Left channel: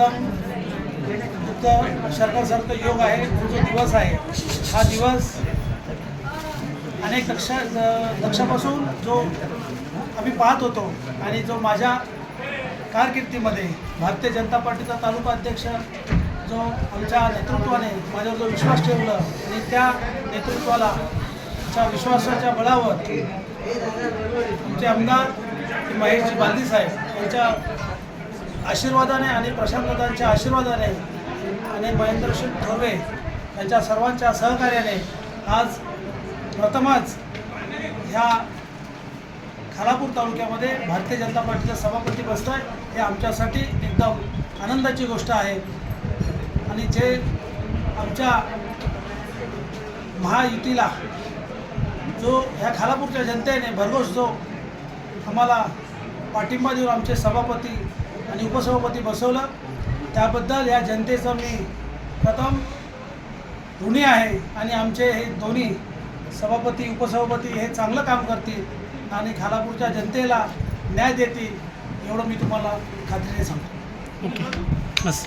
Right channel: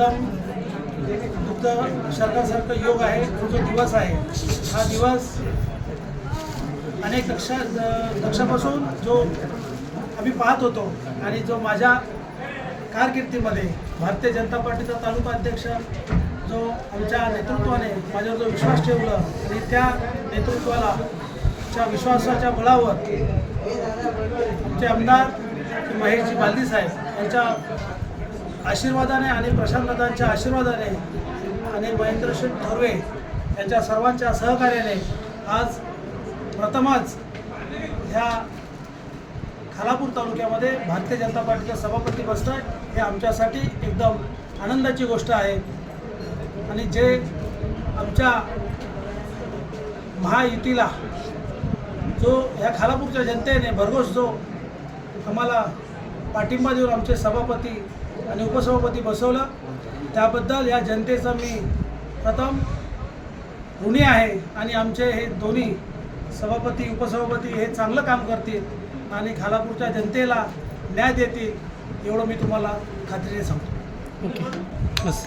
एकदम युक्त सरकारसारखं योग आहे. जो दिवस आहे हा दिवस अनेक दक्षापासून जो आम्ही पाहत होतो आणि जो माझ्या कारकिर्दीमध्ये भारतीय जनता पार्टीचा तालुका अध्यक्ष जो आमच्या नेतृत्वाने माझ्यावर जो विश्वास ठेवला आणि त्या नेतृत्वाला च्या विश्वासाच्या बळावर आमचे आमदार महेशजी बालदी साहेब यांच्या आशीर्वादाने आणि प्रशांतदादांच्या आशीर्वादाने आणि महेंद्र शेठ थोरवे यांच्या सर्वांच्या सहकार्याने आज प्रथमच ह्या खालापूर तालुक्यामध्ये भारतीय जनता पार्टीचा सभापती बसतोय हे आमच्यासाठी एकदम आनंदाची गोष्ट आहे. आणि जे आमच्या महायुतीला जो ह्या खालापूरच्या जनतेने भरघोस जो आम्हाला पाठिंबा देऊन आमचे सभापती आणि उपसभापती बसवलं त्याबद्दल या जनतेचं मी प्रथम ऋणी आहे. आणि आमचे हे दोन्ही सभापती उपसभापती हे चांगलं काम करतील आणि खालापूरच्या जनतेला न्याय देतील एवढं मी तुम्हाला खात्रीने सांगतो. ओके बस.